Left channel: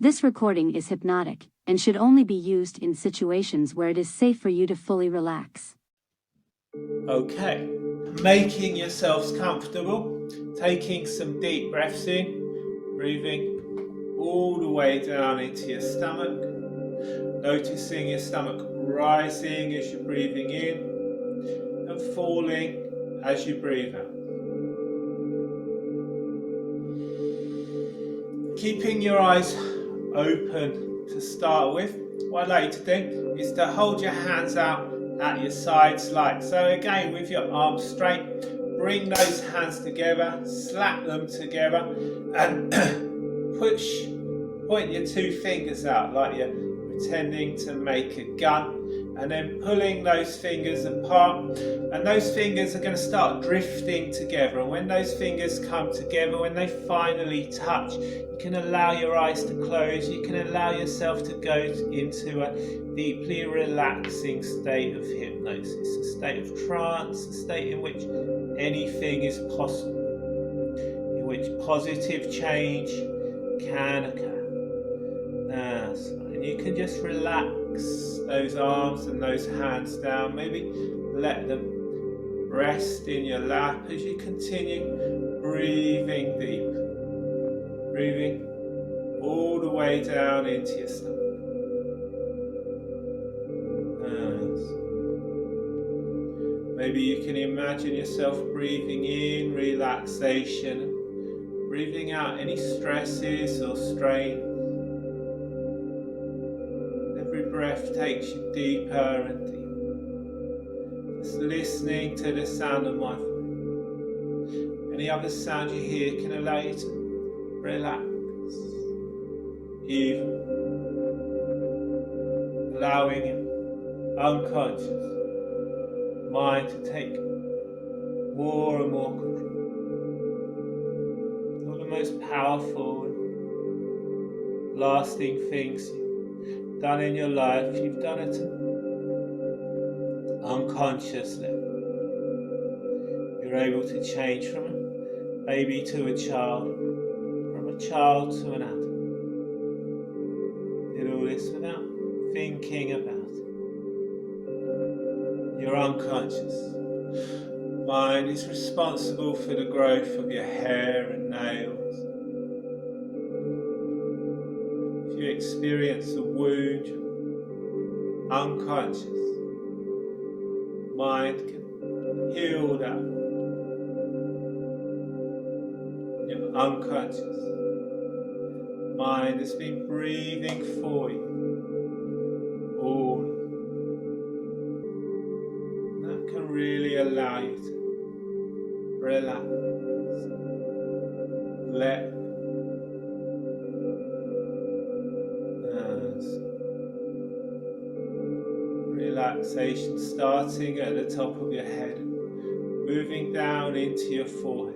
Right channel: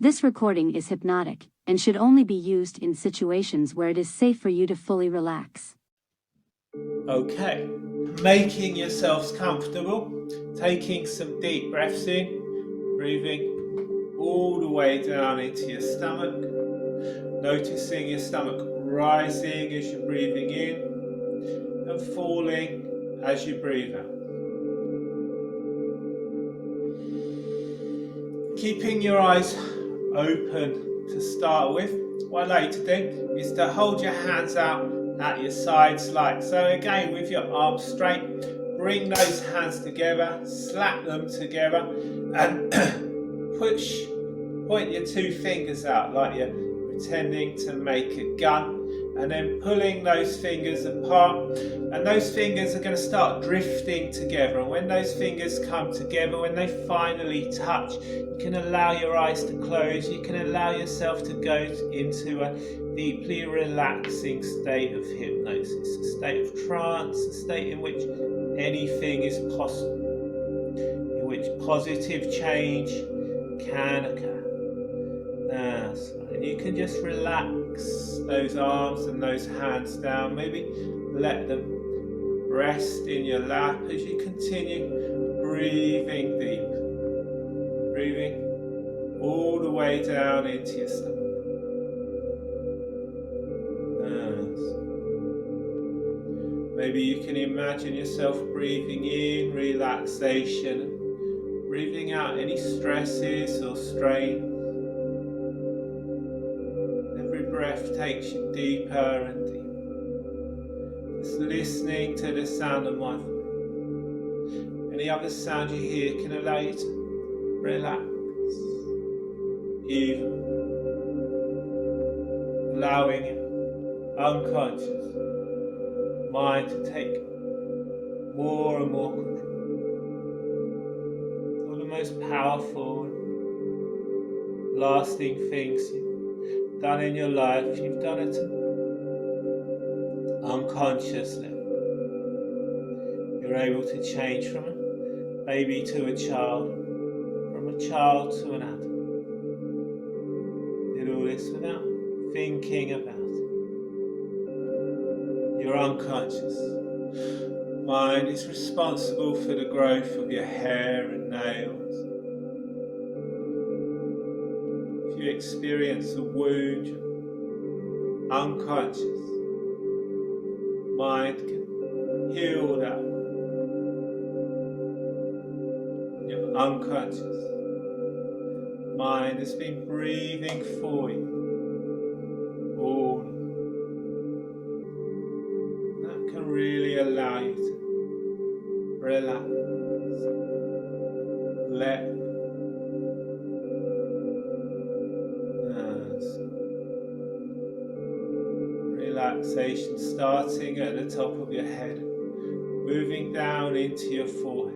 This recording is hypnotic and should only be used in situations where it is safe for you to fully relax. Okay, making yourselves comfortable, taking some deep breaths in, breathing all the way down into your stomach, noticing your stomach rising as you're breathing in and falling as you breathe out. Keeping your eyes open to start with, what I'd like you to do is to hold your hands out at your sides like so. Again, with your arms straight, bring those hands together, slap them together, and point your two fingers out like you're pretending to make a gun, and then pulling those fingers apart, and those fingers are going to start drifting together. And when those fingers come together, when they finally touch, you can allow your eyes to close. You can allow yourself to go into a deeply relaxing state of hypnosis, a state of trance, a state in which anything is possible, in which positive change can occur. That's right. And you can just relax those arms and those hands down. Maybe let them rest in your lap as you continue breathing deep. Breathing all the way down into your stomach. Maybe you can imagine yourself breathing in relaxation, breathing out any stresses or strain. Every breath takes you deeper and deeper. Just listening to the sound of my voice. Any other sound you hear can allow you to relax, even allowing your unconscious mind to take more and more control. One of the most powerful and lasting things you've done in your life, you've done it unconsciously. You're able to change from a baby to a child, from a child to an adult. Did all this without thinking about it. Your unconscious mind is responsible for the growth of your hair and nails. If you experience a wound, your unconscious mind can heal that wound. Your unconscious mind has been breathing for you all. That can really allow you to relax, let relaxation starting at the top of your head, moving down into your forehead.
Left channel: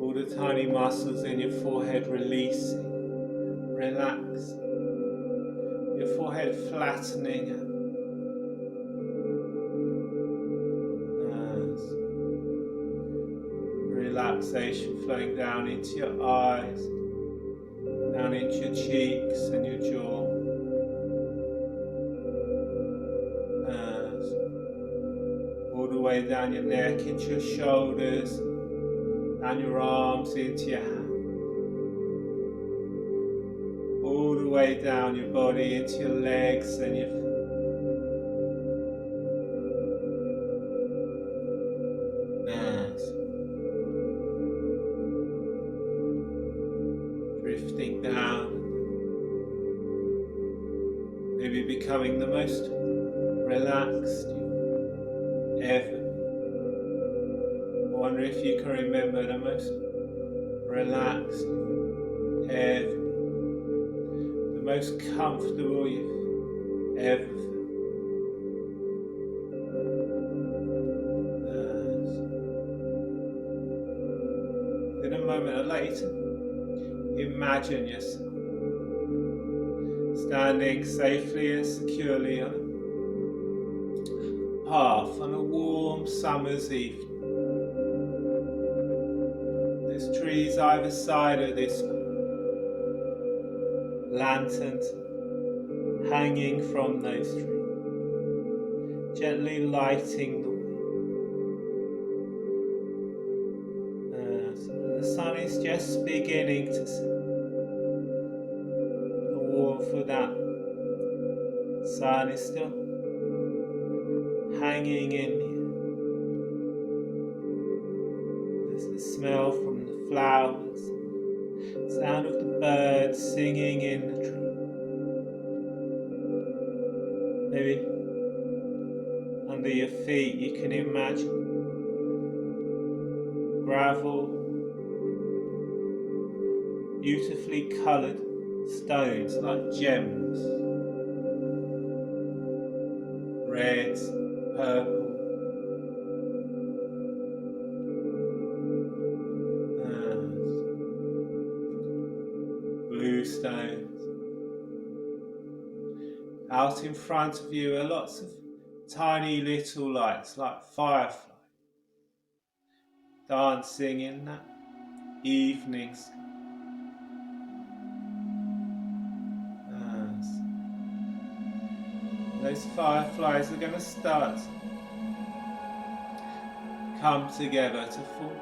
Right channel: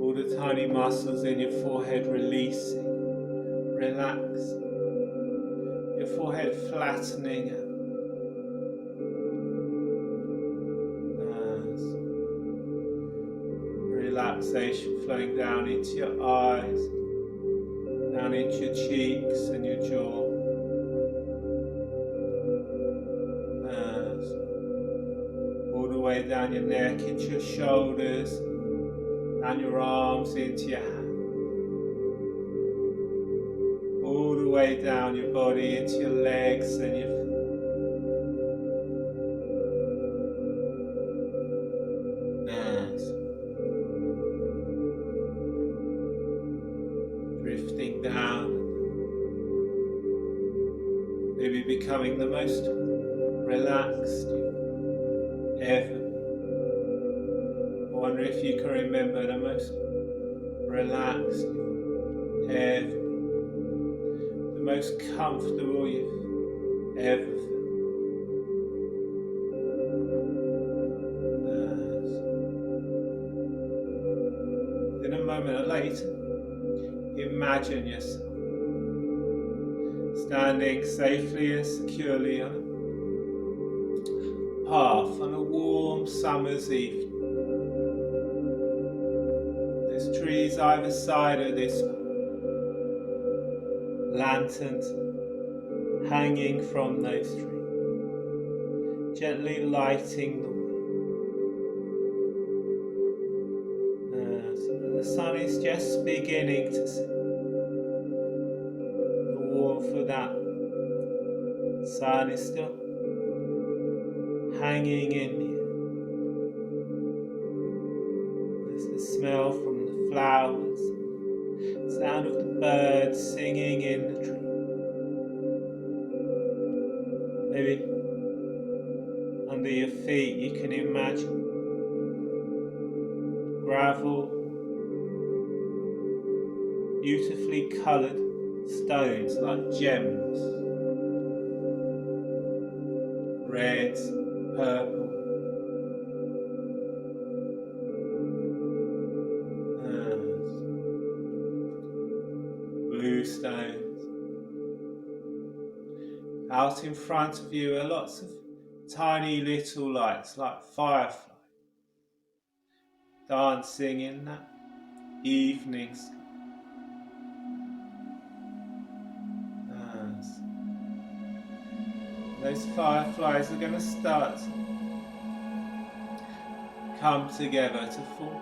All the tiny muscles in your forehead releasing, relaxing. Your forehead flattening out. Relaxation flowing down into your eyes, down into your cheeks and your jaw. All the way down your neck into your shoulders, down your arms into your hands. All the way down your body into your legs and your hands. Drifting down, maybe becoming the most relaxed you've ever been. I wonder if you can remember the most relaxed you've ever been, the most comfortable you've ever felt. In a moment or later, imagine yourself standing safely and securely on a path on a warm summer's evening. There's trees either side of this path. lanterns hanging from those trees, gently lighting the way. So the sun is just beginning to set. The warmth of that sun is still hanging in the air. There's the smell from the flowers, the sound of the birds singing in the tree. Maybe under your feet you can imagine gravel, beautifully coloured stones like gems, reds, purple, blue stones. Out in front of you are lots of tiny little lights like fireflies dancing in that evening sky. Those fireflies are going to start to come together to form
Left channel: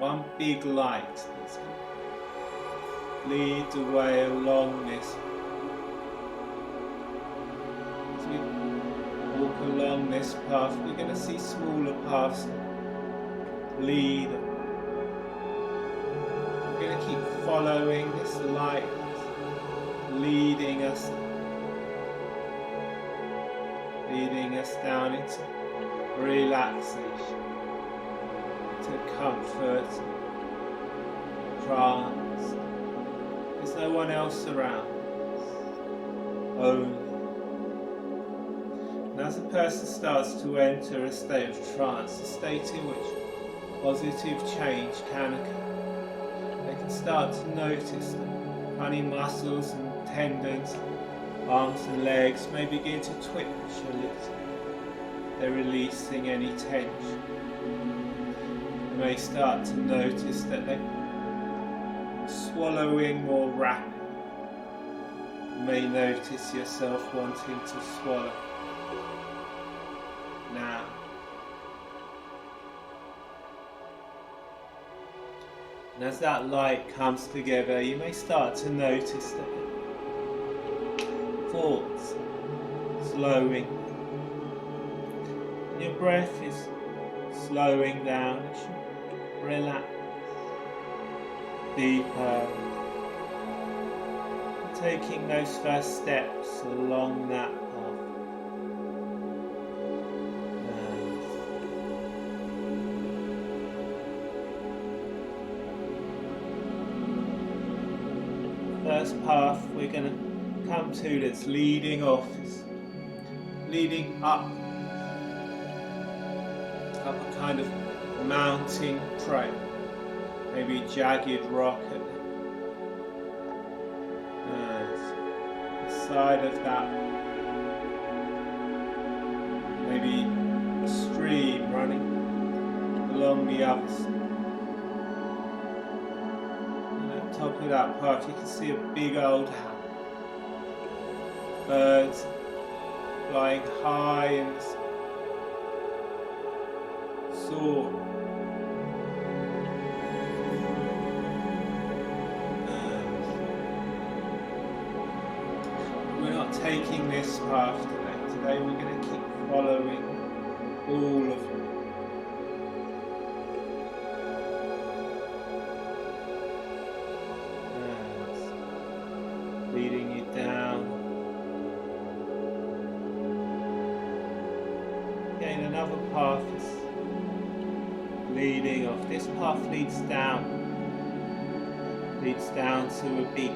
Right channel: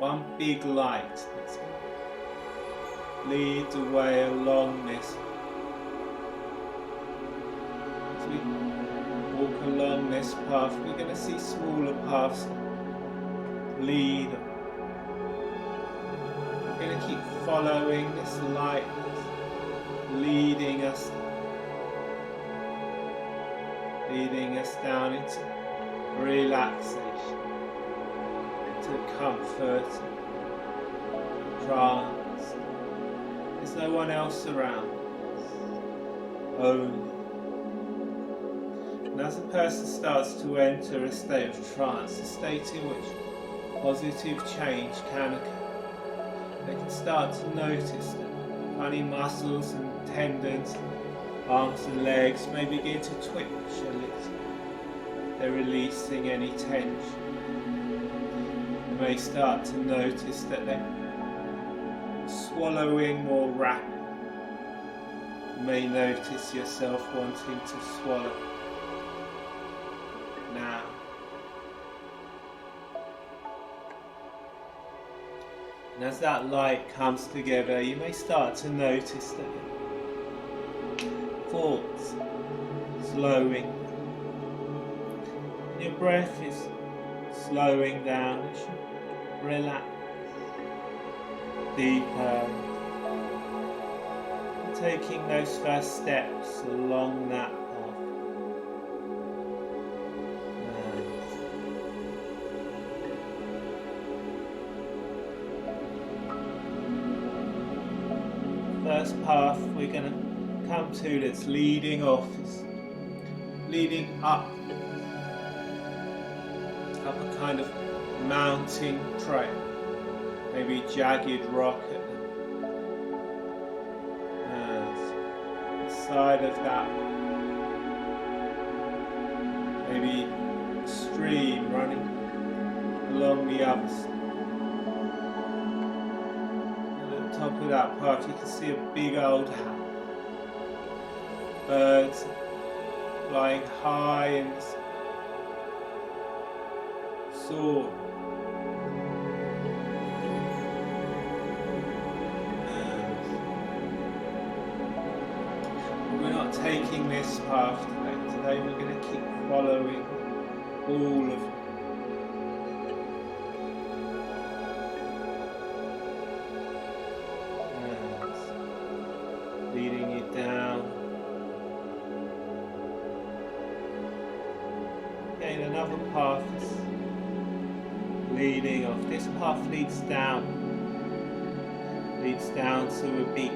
one big light that's going to lead the way along this. As we walk along this path, we're going to see smaller paths that lead. We're going to keep following this light that's leading us down into relaxation, to comfort, trance. There's no one else around us, only. And as a person starts to enter a state of trance, a state in which positive change can occur, they can start to notice that funny muscles and tendons, arms and legs may begin to twitch a little. They're releasing any tension. You may start to notice that they're swallowing more rapidly. You may notice yourself wanting to swallow now. And as that light comes together, you may start to notice that thoughts slowing, and your breath is slowing down as you relax deeper, and taking those first steps along that path. First path we're going to come to that's leading off is leading up a kind of mountain trail, maybe jagged rock at the side of that, maybe a stream running along the other side. Top of that path you can see a big old house. Birds flying high in the sky. Soaring. We're not taking this path today. Today we're going to keep following all of them. Leading you down. Again, another path is leading off. This path leads down to a beach.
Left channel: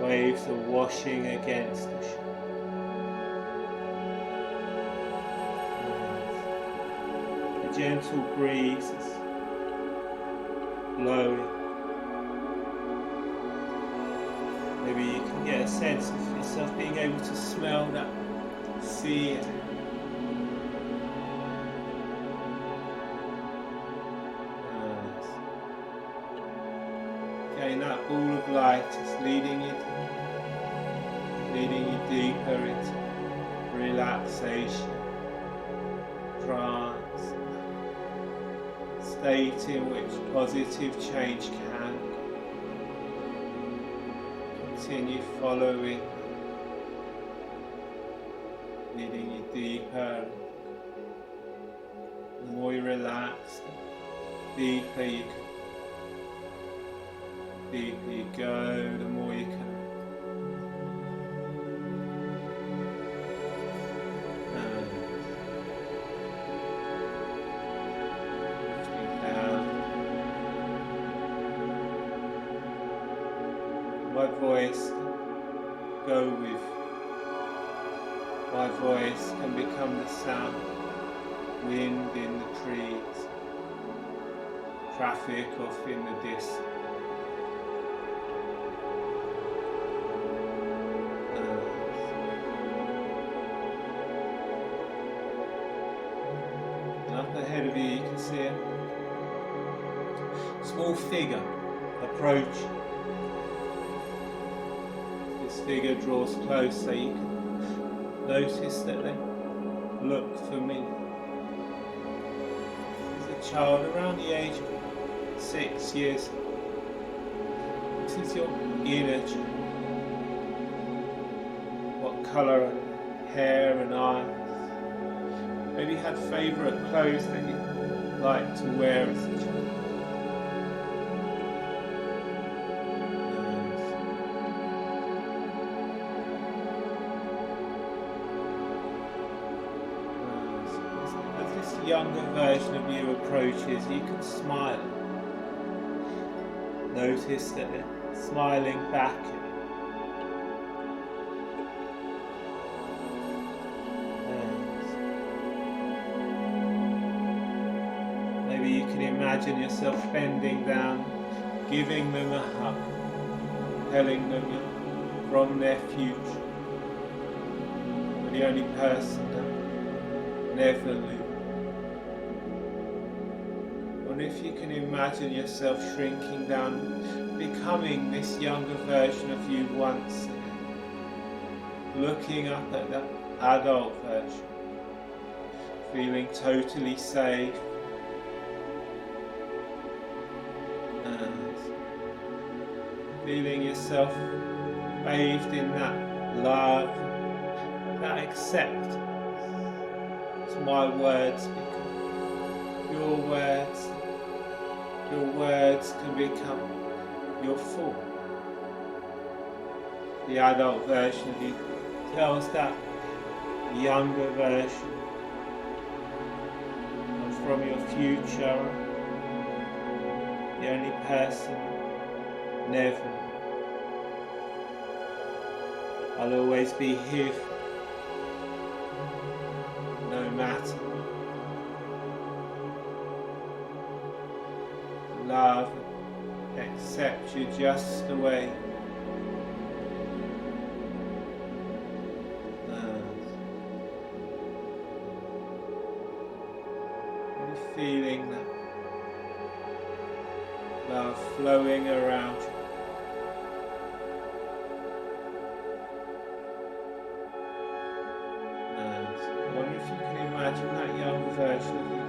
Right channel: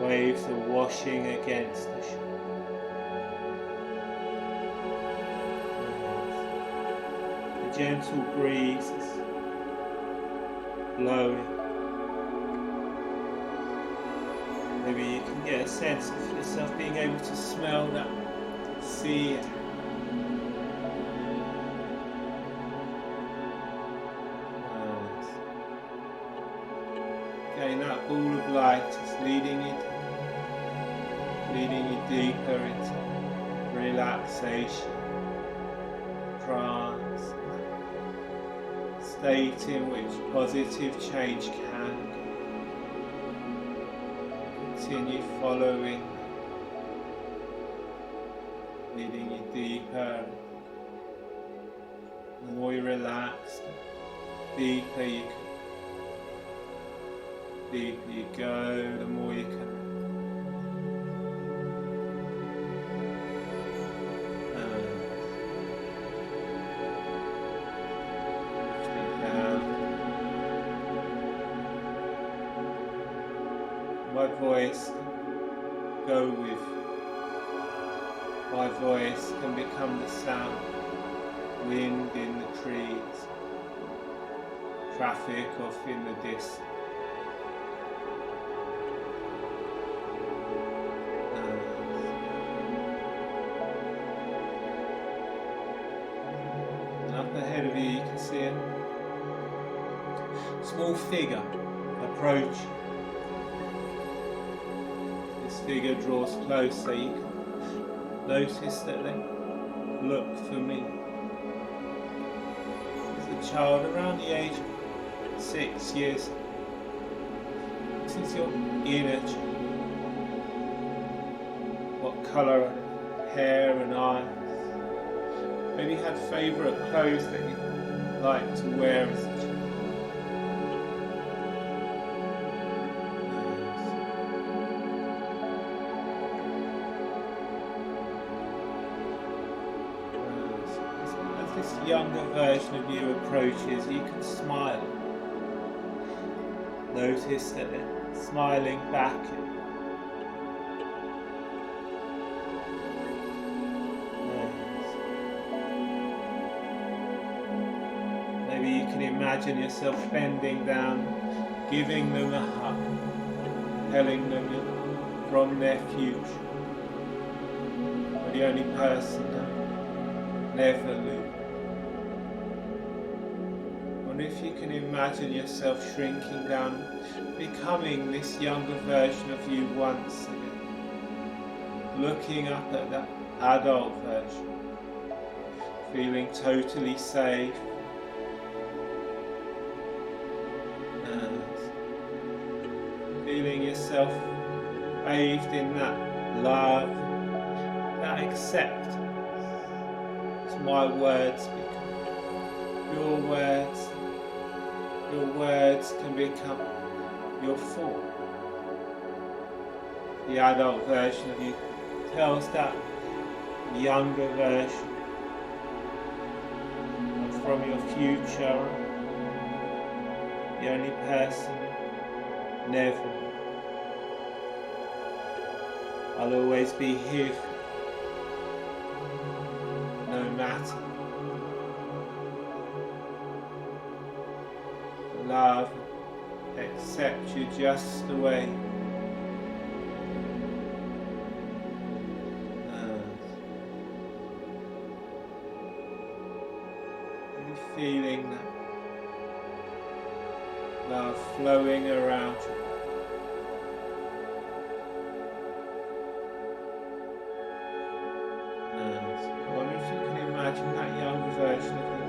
Waves are washing against the shore. The gentle breeze is blowing. Maybe you can get a sense of yourself being able to smell that sea air. Again, that ball of light is leading you deeper into relaxation, trance, state in which positive change can continue following, leading you deeper. The more you relax, the deeper you go, the more you can. Lifting down. My voice can go with. My voice can become the sound. Wind in the trees, traffic off in the distance. And up ahead of you, you can see a small figure approach. This figure draws closer. You can notice that they look familiar. A child around the age of 6 years. This is your inner child. What colour hair and eyes? Maybe you had favourite clothes that you liked to wear as a child. This younger version of you approaches, you can smile. Notice that they're smiling back at you. Maybe you can imagine yourself bending down, giving them a hug, telling them you're from their future. You're the only person that never lose. If you can imagine yourself shrinking down, becoming this younger version of you once again, looking up at the adult version, feeling totally safe, and feeling yourself bathed in that love, that acceptance. It's my words become your words. Your words can become your form. The adult version of you tells that younger version, I'm from your future, the only person, never. I'll always be here, no matter. Love, accept you just the way. Really feeling that love flowing around you. I wonder if you can imagine that younger version of you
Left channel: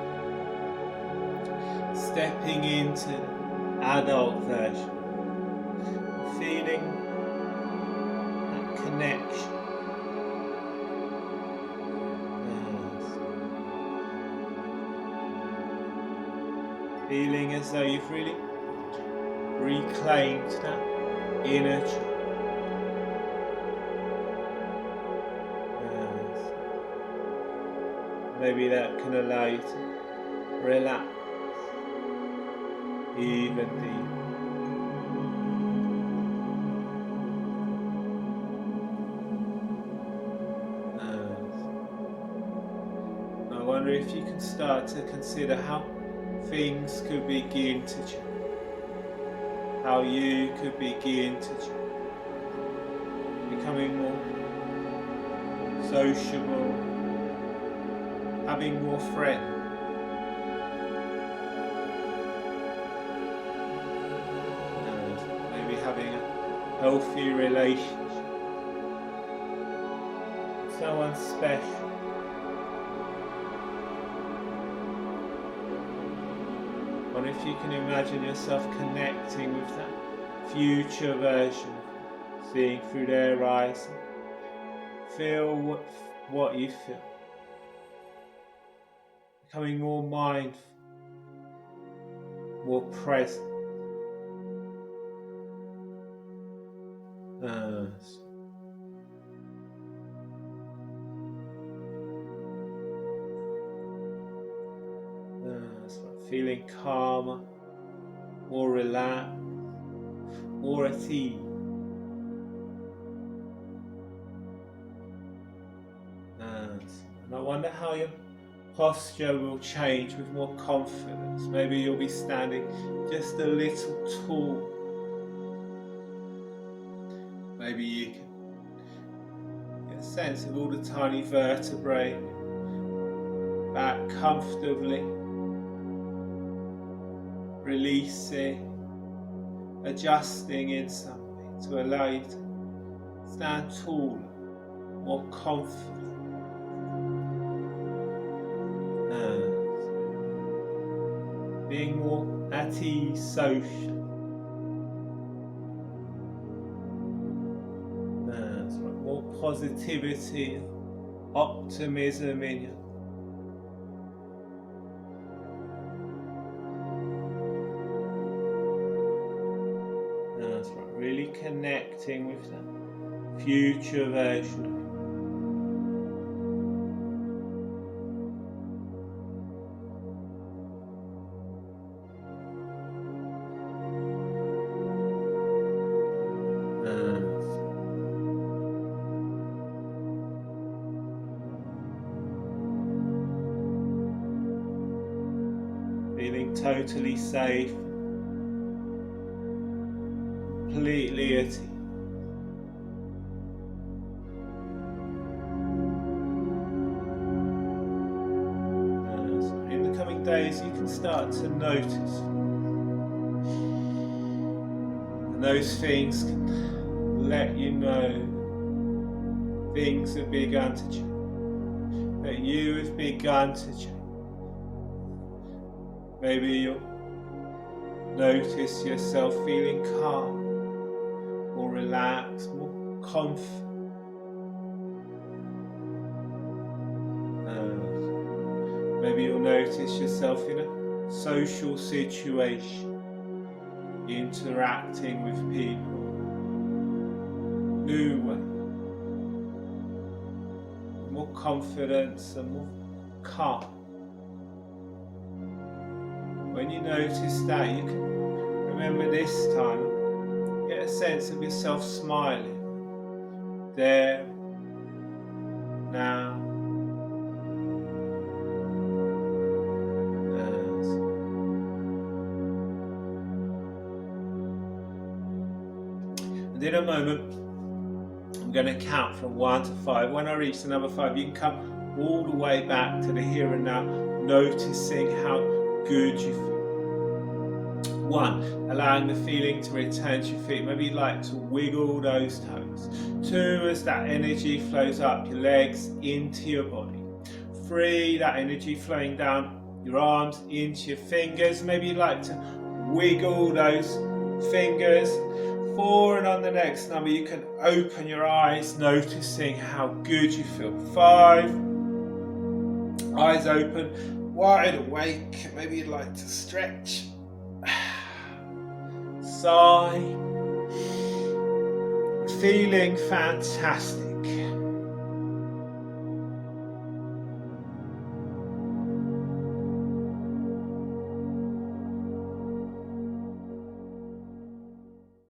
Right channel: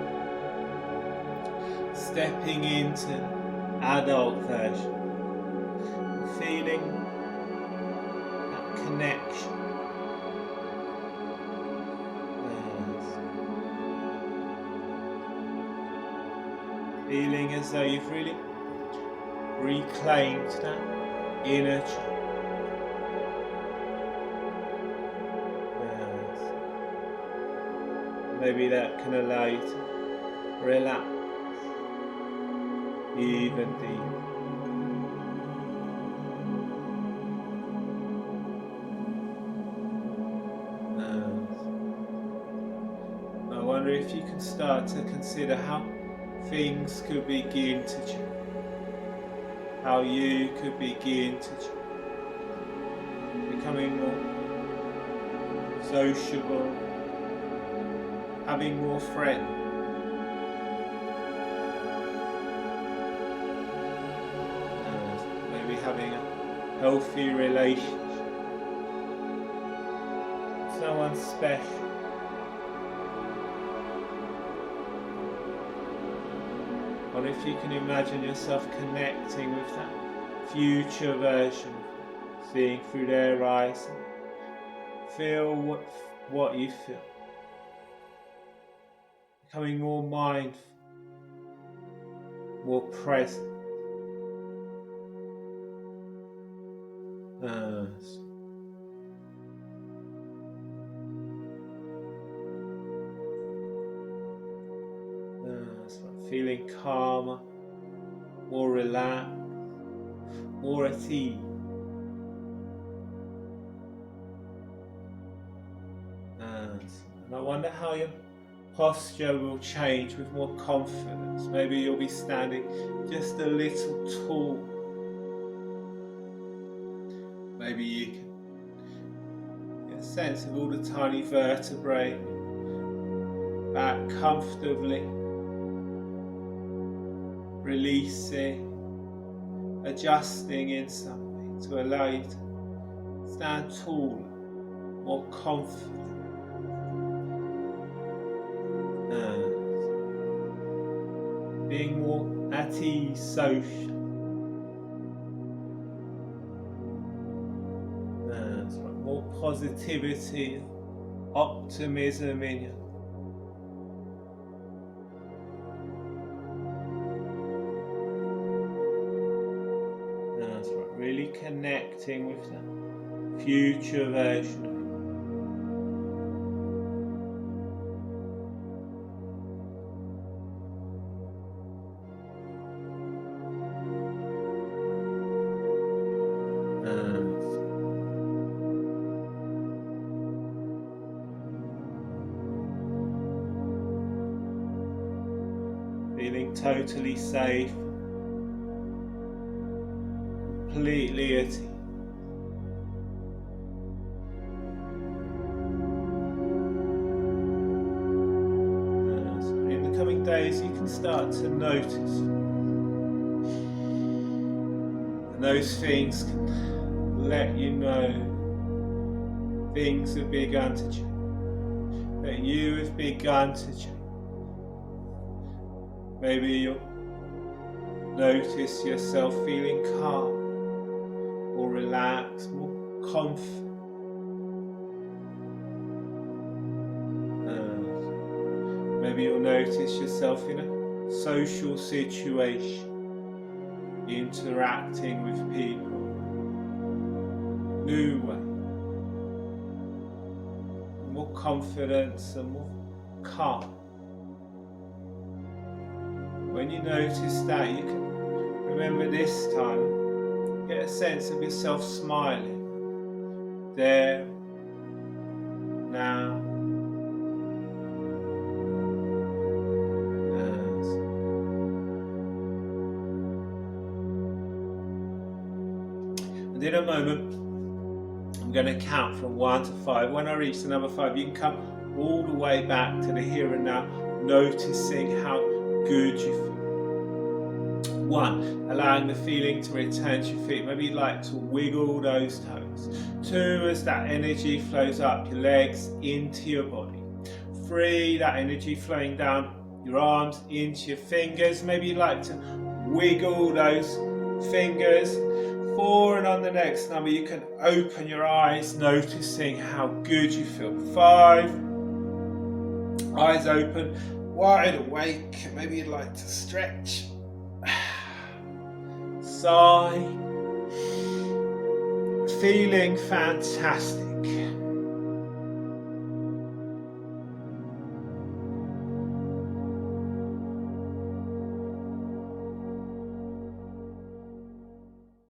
stepping into the adult version, feeling that connection. Feeling as though you've really reclaimed that inner child. Maybe that can allow you to relax even deeper. I wonder if you can start to consider how things could begin to change. How you could begin to change. Becoming more sociable, having more friends. Maybe having healthy relationship, someone special. Or if you can imagine yourself connecting with that future version of you, seeing through their eyes, feel what you feel. Becoming more mindful, more present. Feeling calmer, more relaxed, more at ease. And I wonder how your posture will change with more confidence. Maybe you'll be standing just a little tall. Maybe you can get a sense of all the tiny vertebrae back comfortably, releasing, adjusting in something to allow you to stand taller, more confident. Being more at ease socially. That's right. More positivity, optimism in you. That's right. Really connecting with that future version of you. Feeling totally safe, completely at ease. So in the coming days you can start to notice, and those things can let you know things have begun to change, that you have begun to change. Maybe you'll notice yourself feeling calm, more relaxed, more confident. Maybe you'll notice yourself in a social situation, interacting with people, new way, more confidence and more calm. When you notice that, you can remember this time, get a sense of yourself smiling, there, now, and in a moment, I'm going to count from 1 to 5. When I reach the number 5, you can come all the way back to the here and now, noticing how good you feel. 1, allowing the feeling to return to your feet. Maybe you'd like to wiggle those toes. 2, as that energy flows up your legs into your body. 3, that energy flowing down your arms into your fingers. Maybe you'd like to wiggle those fingers. 4, and on the next number you can open your eyes, noticing how good you feel. 5, eyes open, wide awake. Maybe you'd like to stretch. Sigh. Feeling fantastic.